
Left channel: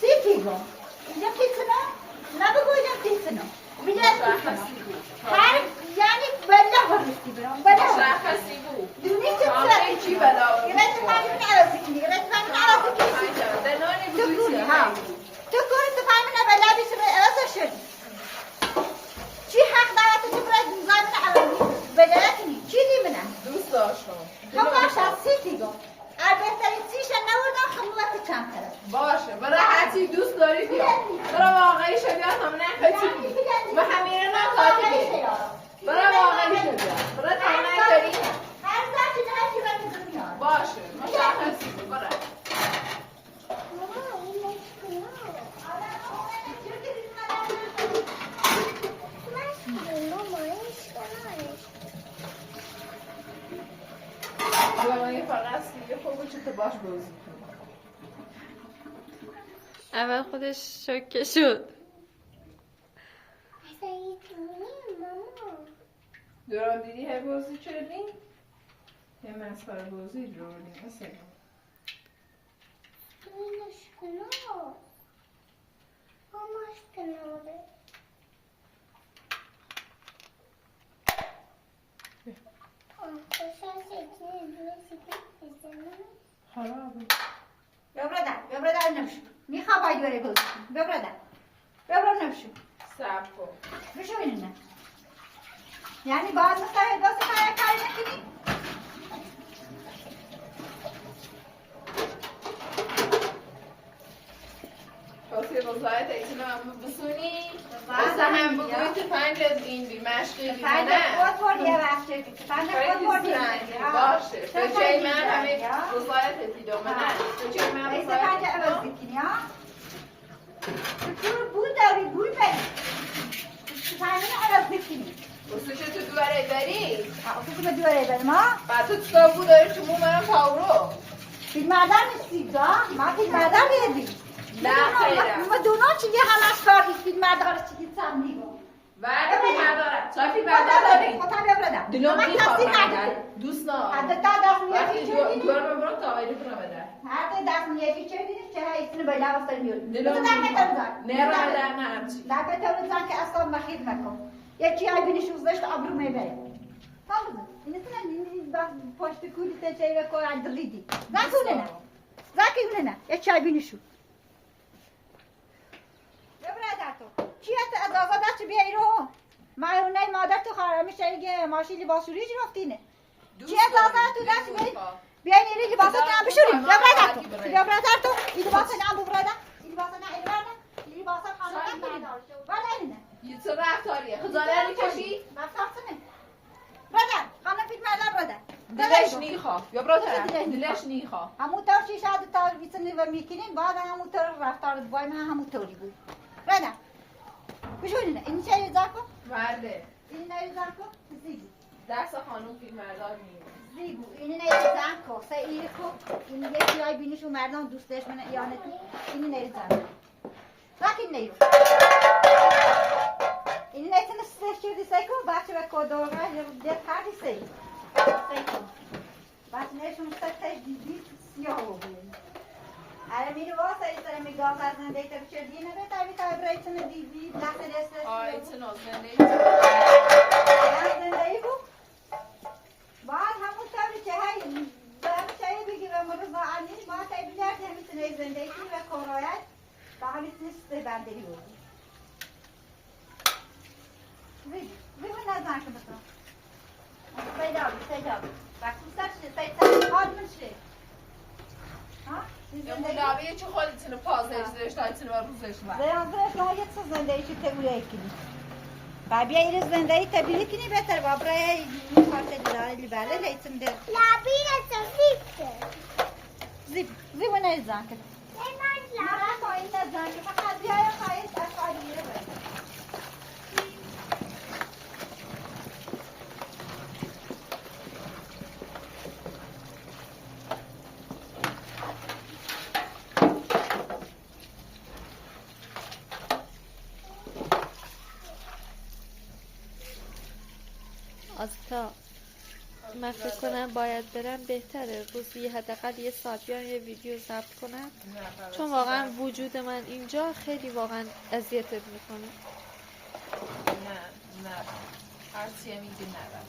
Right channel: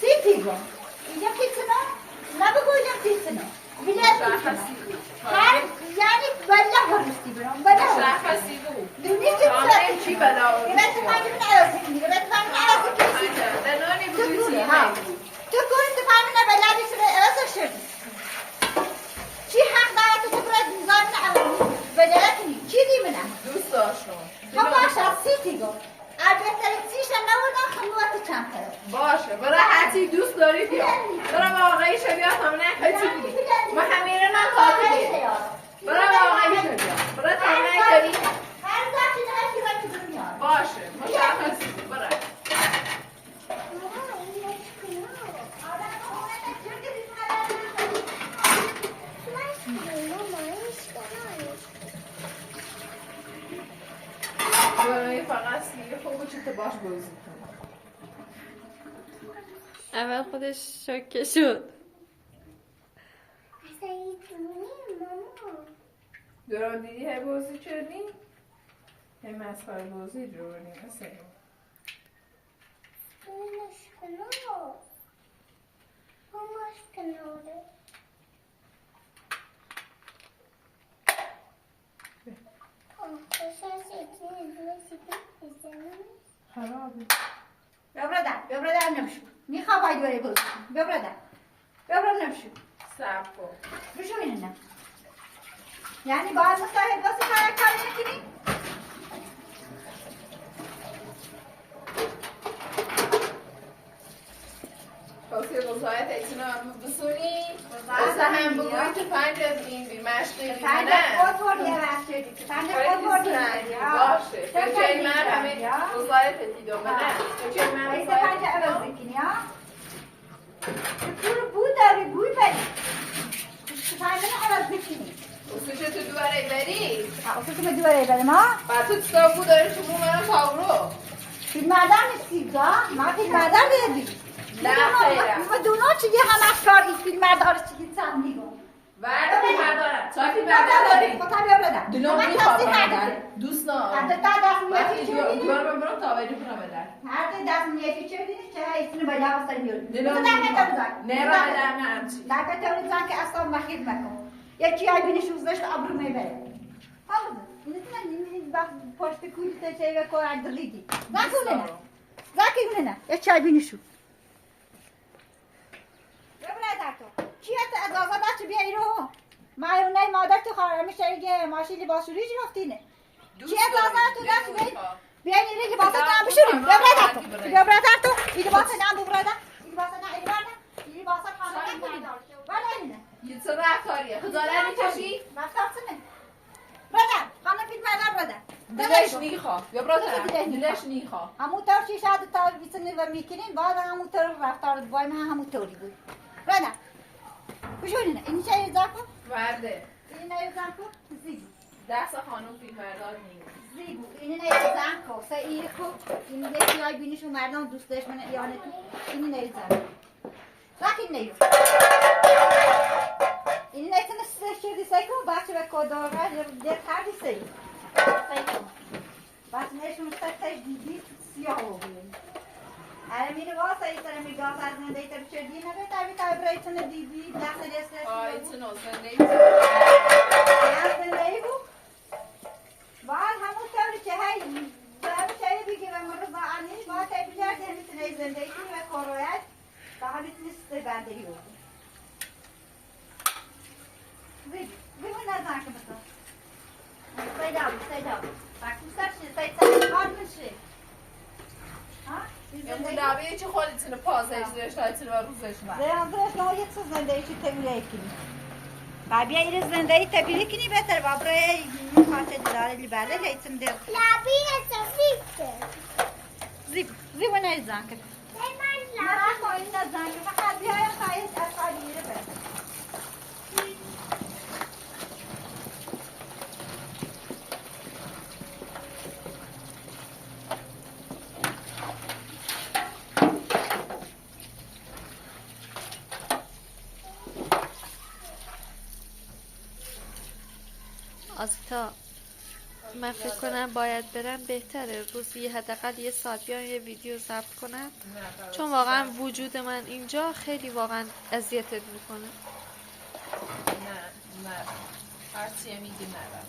سی پیگم اینجا کی کنم نبگویم چیزی بیاد هر یعنی بلا هرشتی برام بلا شخصی بود دونی چه آنه چی بلا اینا تو همین نرازی کنی اینا تو همین نرازی کنی دنانی تو بودی ها تو کنی تو همین بلا بیشتر ارزش شدی چی حق داره تو برای زمین عوضی بلا کنی چی دی منم دوست داشتم خب باشه سیتی گو البته چیش نوردم خموات چند طرف باشه برای هرچی دوست داری بیا برای واقعی شدی هم نخواهی بودی ما همیره من خواهی بیا برای واقعی شدی برای تمنه داری هر زاکی نهی که دنیا باشه مشخصی بود برای برای فقط سیره خوبه چه تو باش بازی کنی اول خودش شوکه شد دوران دیدی های بازی کردی؟ های مسخره بازی دورانی مثل خرابه ببردن نمشو میخوام باید بره بازی کنی ببردن نمشو سب کن بشو اینه نه یعنی باید مستحب بازی کاری نکنی کاسی رضایت ایتونه بسونی واسه هم بگوی تو پنجت این بی مشقی بی پنج خود بردی یه وقت کردی پنج خود بردی باشه به جای من همه رضایت دیدم نه به جای من ایسه رضایت پنج عوض کنی ها تو بود داری بود بری پنج عوض کنی اصلا تو دوباره بری اصلا تو دوباره بریم ها بعد تو تصابو داری تو مو منم پاورو فیلم مردم نیستی دا ما فیلم مردم دیدی نه خیرم ما دونا چیگه همش کاری فیلم مردم چیگه سم میگم بعد بردارم چای فیلم بردار داری خطا ببردم دلم میخواد دوست نه حتی تا دست وقتی میفی چه جوار من برم تا وایده کنم بدن حتی دست میفی چه دیدی چه ایستونه بالا واسه میاد دلم میخواد نه را بدن نه همچی لا بتونی زن که اصلا مخید مکن یکی ای بینش وزش ابرو میبره حالا این این با پشت کولی تچه و کار دلیدی زاکونه نه زاکونه نه یه چای بینشو ببره تو چی هست اجازه داشت بیای رو ما اونای مادر تو خواهر میشه اگه ماشین لباس شوری رفتینه چی اجازه تو داشت بیای نیری لباس هم بشوریم ببره تو این لباس هم ببره این لباس نه این این لباس خانم بردار شو ولی نه یه چه رفتاریه خجالت میکشی؟ رفتارسنه بدن خانم فیلم مردار بدن دلش نیخوا یا برادر دلش نیخوا همونطور چی شاید تا بیسنی و میکنیم بعد همونطور رفتار بای من همونطوری بود بدن بشو اینه این چه یه زن کن ورده این نه یه زن کن زیبو دست خانم فیلم مردار نیست زیبو این نه یه زن کن سه این کن این یکی های بینیشو مردان دوستش من یانه تو این نه یه زن زاکی نیو این نه تنه سه سیکو بچه به کدوره یه کاری سیکو بس نشون سه دیدی سیاه بود اره میره واسه ایتره میگاز از زنده ایتر چردی نده تابی تابی برای تونه دیدی دست دست ایتونه زنده ای بود بعد همون طوری که هی داره چایی بگیره مرز با عنیش ما تایی بیارد همیتونه زنده ای و کارایت با همیتونه سته بندری بود بگو نزن که بسن سیده بود بکوسر سیده حال میشه مداوی چه خودتون پازش داشت ایتونه و روزش من زیانزش نه یک سو زنده ای که تبیره کنی و بیا این زنده ای تبیره کنی بهتر با برای خاطر داره لیبرده لیتم در لابی سفیده زیبو نیزن که مرا خواهیم نزن که فقط بیایم خواهیم اشکالی میره برد آزیتا من فکر کنم باید برم بهتره روزی حداقل یه ساعت بیان یه ویدیو ضبط کنم چون واقعا وجود من اینجا خیلی واقعا اذیتت میکنه. نه هرچیه میگی نرم.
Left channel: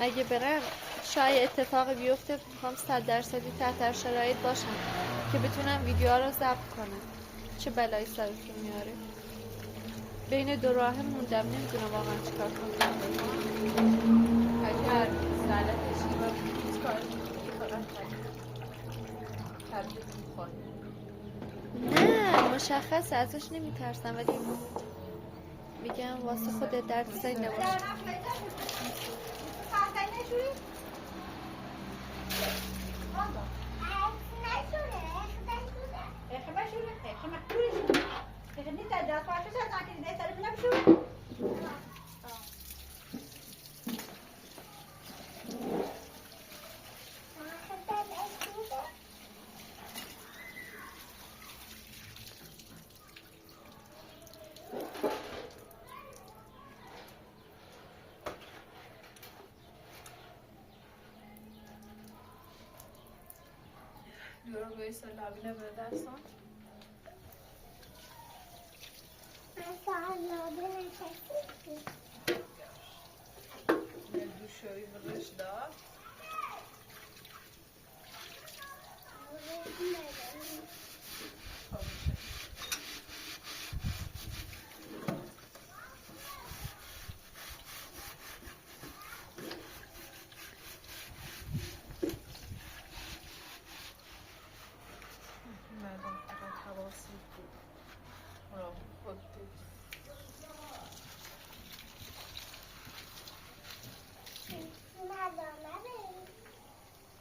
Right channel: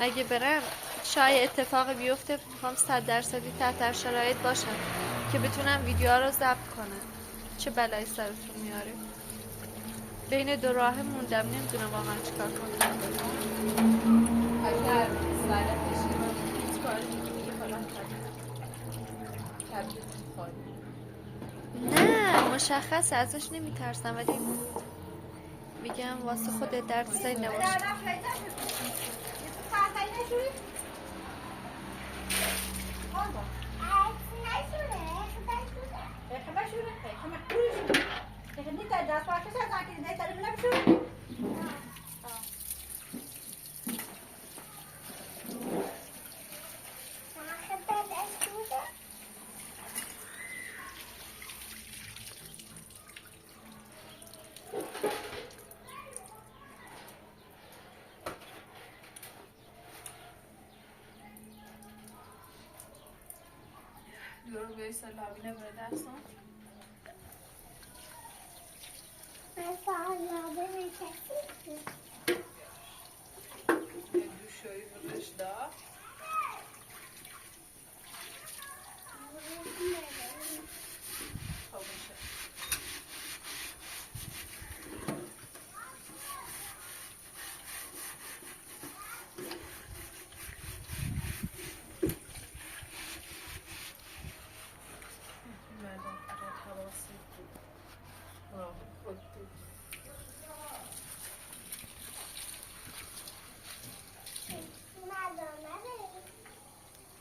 اگه برم شاید اتفاقی بیفته میخوام 100% تحت هر شرایط باشم که بتونم ویدیوها رو ضبط کنم. چه بلایی سرتون میاره. بین دو راه موندم نمیدونم واقعا چیکار کنم. اگر سرت اشتباه هیچ کاری میکنی فقط تبدیل میکنی. نه مشخصه ازش نمیترسم ولی میگم واسه خودت درد سری نباشه. Diyor Veysel abine böyle dersen. Ne düşüyor burada?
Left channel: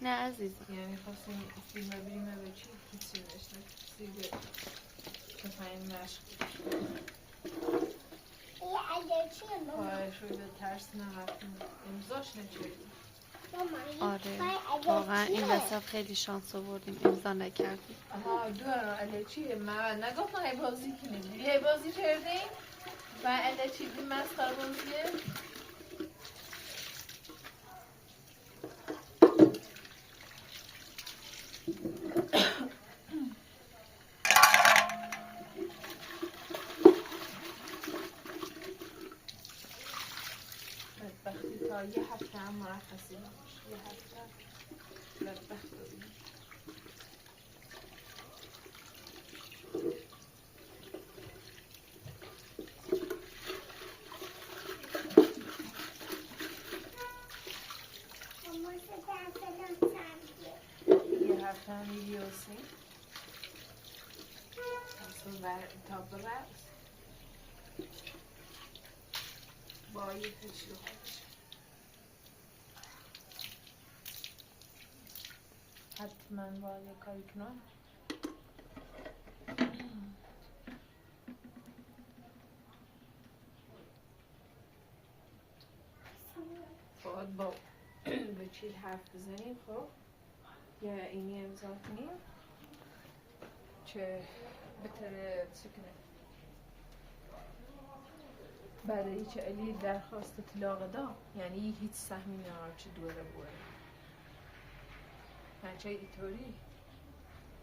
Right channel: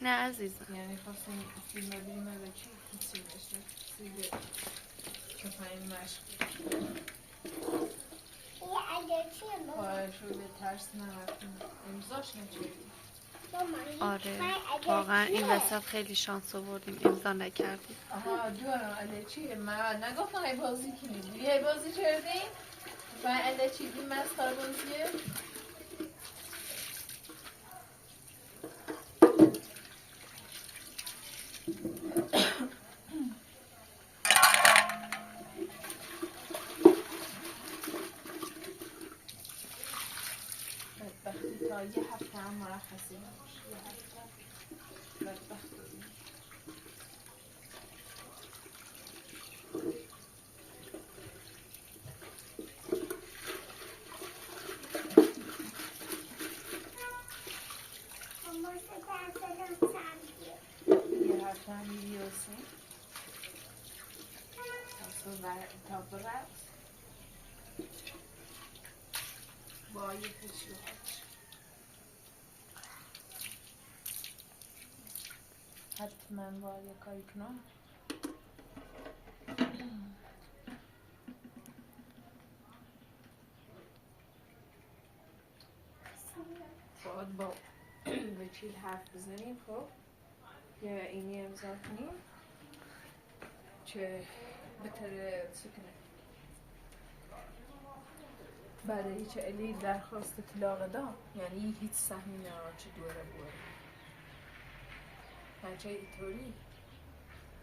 نه عزیزم یعنی خواستیم فیلم ببینیم و چی هیچی نشنه سیگه کفاین مشق پایشو به ترس نمتون امضاش نچردیم. آره واقعا این وسط خیلی شانس آوردیم امضا نکردیم. آها دوارم علی چیه من نگفتم ای بازی کنید یه بازی کردیم و علی چی بیم مسخره بازیه بدبختی تا یه هفته هم مرخصی نباشه یه هفته بدبخت بودیم. یه هفته هم میریوسیم تا برد با یه تشریحات حتما با یه کاری کنم باید با وکیل حرف بزنیم. خب یه اینی امضا کنیم که بتره سکنه بعد هیچ علی درخواست طلاق دا یعنی هیچ سهمی نرار چه دوره بوده هرچه ایطوری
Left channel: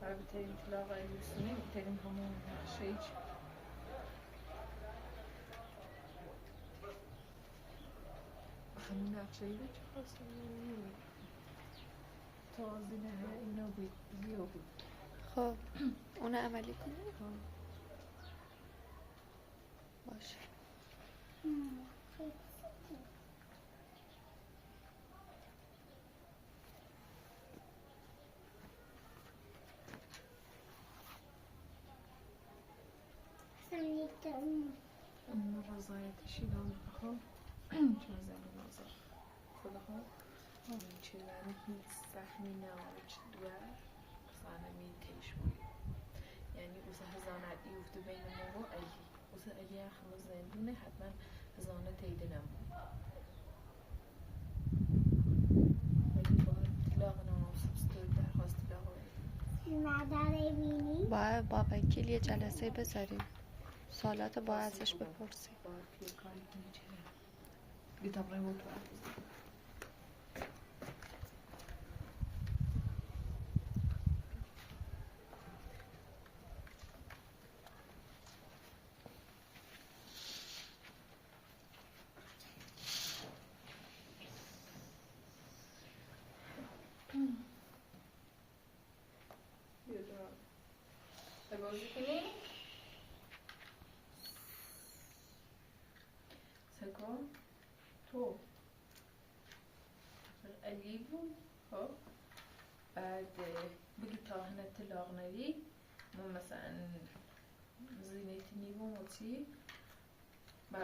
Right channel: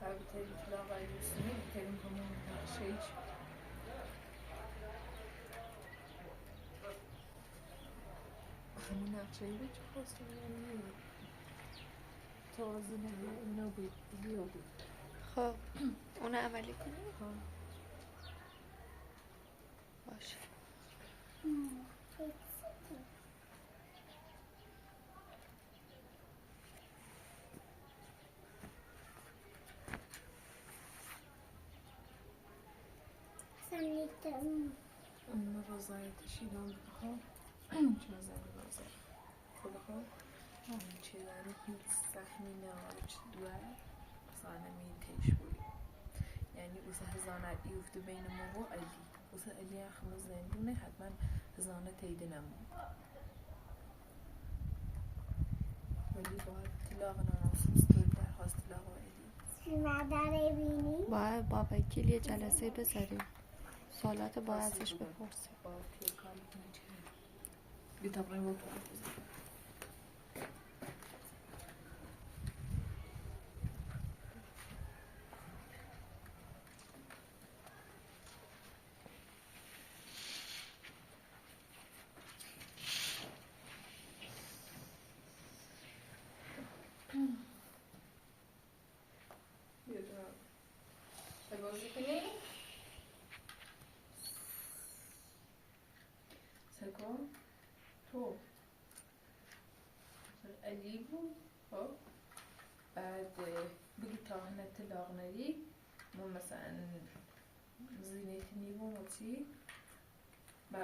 و بتریم طلاق علی سنی بتریم همون شیچ همون نقشهی به چه خواستم تازه نمیه اینا بود بیا بود. خب اونو عملی کنیم. خب باشه اون رضایتشی دام خب چون زنی نازر خدا خب اون چه داره هیچ سهمی نهارچ دوار زنمی تیش بود یعنی اوسه هزانت یفته بین ما و علی اوسه علی اخم زندونه حتما هزانت تیده نمون ولی باید طلاق ناموسوس طوری درخواست طلاق علی باید با وکیل یه جلسه بذاریم سوالات باید ازش بپرسیم باید یه کاری کنی چه بتبرئ وتوعد. بازی کنی؟ سکو تو علی بود. خب بعد بگی تا هنه طلاق ندی ما مثلا زینت نیو موتی با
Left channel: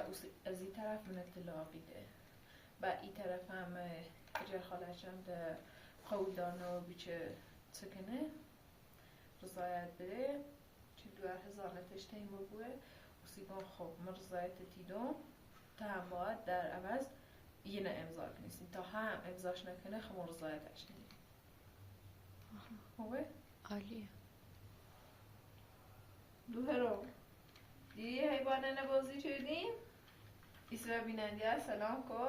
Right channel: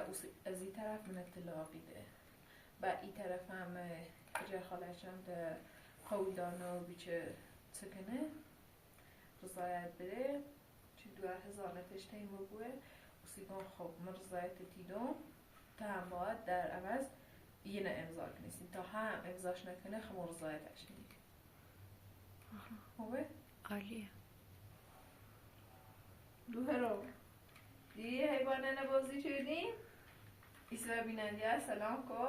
از این طرف من طلاقی ده با این طرف هم اجا خالشم ده قول دانو بیچه سکنه رضایت بره چه 2000 نتشته این بوه و سیگان خب من رضایت تیدم تا هم باید در عوض یه نه امضا کنیستیم تا هم امضاش نکنه خب رضایتش نید خوبه؟ عالیه. دو هرو دیگه حیبانه نبازی شدیم ایسا بینندی سلام کو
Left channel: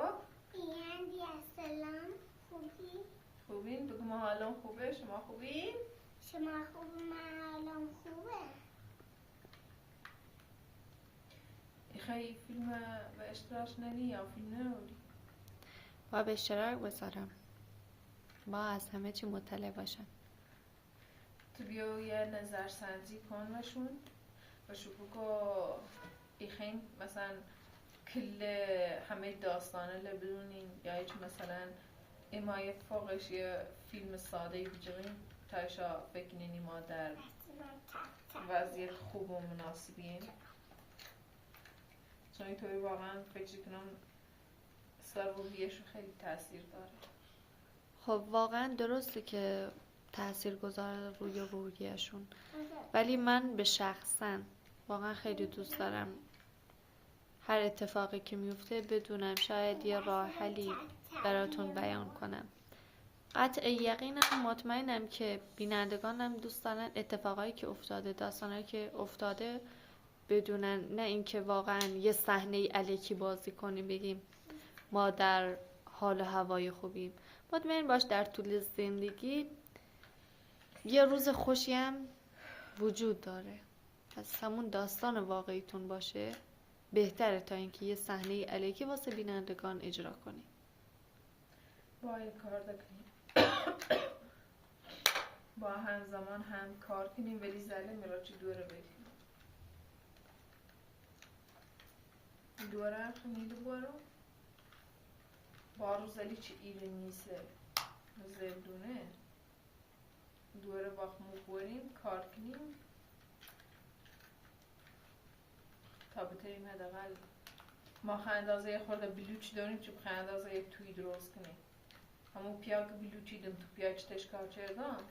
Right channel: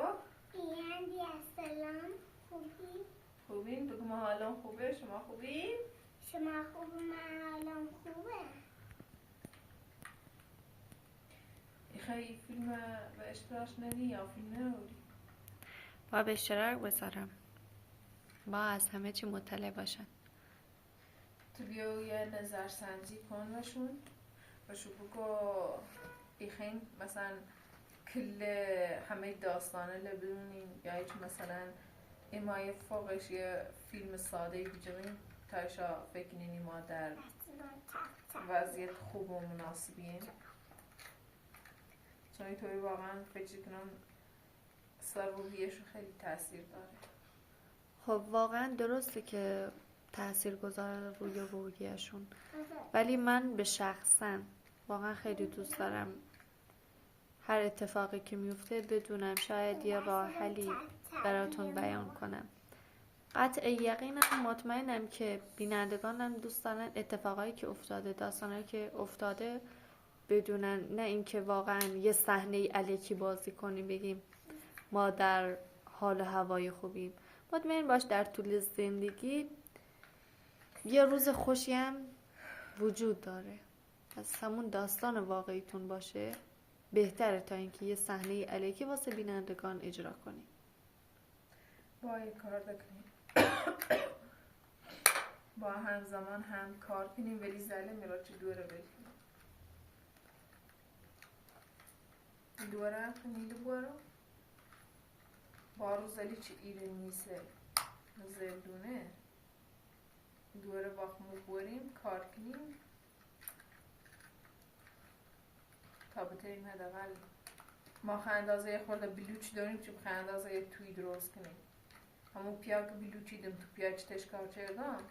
بینندی سلام خوبی؟ خوبین؟ بگو ما حالم خوبه شما خوبین؟ شما خوب من حالم خوبه خیلی فیلم به اشتراک ندی یا فیلم نروری؟ با به اشتراک بذارم با از همه چی مطلع باشن. تو بیو یه نظرسنجی کن و شو بگو ایخین مثلا کل همه داستانه لبرونین یا هیچ مثلا امای فوقش یه فیلم ساده بجرین تایشا فکر نینی ما در وضعیت خوب و مناسبیم چون اینطوری واقعا فکر کنم سر روحیشو خیلی تاثیر داره. خب واقعا درسته که تأثیر گذاره روی روحیشون ولی من به شخصا واقعا خیلی دوست دارم هر اتفاقی که میفته بدونم شاید یه راه حلی براتون بیان کنم. قطع یقینم مطمئنم که بینندگانم دوست دارن اتفاقایی که افتاده داستانایی که افتاده بدونن نه اینکه واقعا یه صحنه الکی بازی کنیم بگیم ما در حال و هوای خوبیم. مطمئن باش در طول زندگی یه روز خوشی هم وجود داره از همون داستان واقعیتون باشه بهتره تا اینکه یه صحنه الکی واسه بینندگان اجرا کنیم. با یه کار دکنیم با همزمان هم کار کنیم ولی زله میرا چه دوره بریم دوره خمیده بارو بارو زلی چه ایره نیسه زردونه دوره باخمو بوریم کار کنیم تا بتریم حداقل ما خاندازه خورده بلوچ داریم چه خاندازه توی درست کنیم همون پیا که بلوچی دم تو پیا چه تشکار چردم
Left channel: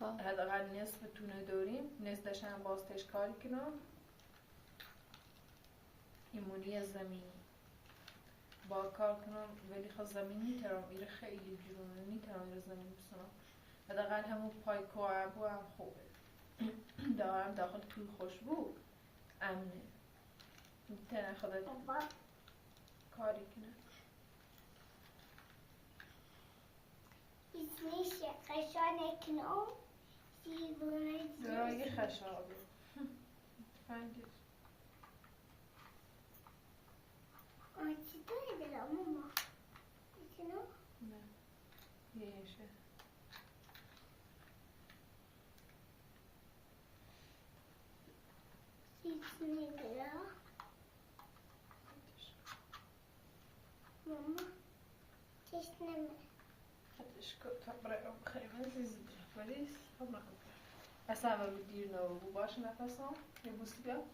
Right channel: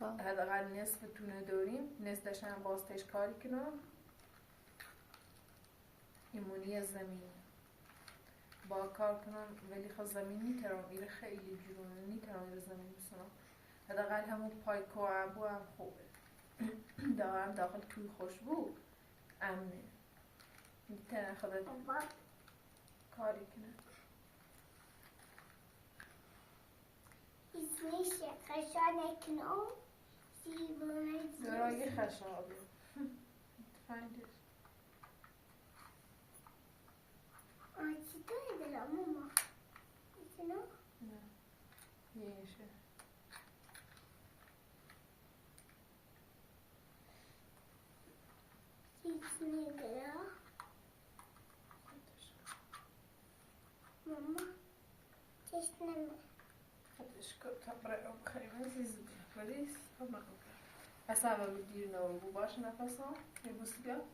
حداقل نصف تونه داریم نصف داشتن باز تشکاری کنم ایمونی زمینی با کار کنم ولی خب زمین نیترم ایره خیلی جرونه نیترم ایره زمین بسنم حداقل همون پای کوابو هم خوبه دارم داخل توی خوشبو امنه میتونه خودت کاری کنه اسمش خشانه کنم دیوانه درای خشابه find it چی توی دلم ماما ایتونو؟ نه یهشه اسمی دلم ماما تشنمه خدش تبرئ بخير عزيز بليس هم اصلا بدير نو باش نفسهم يبوس بيا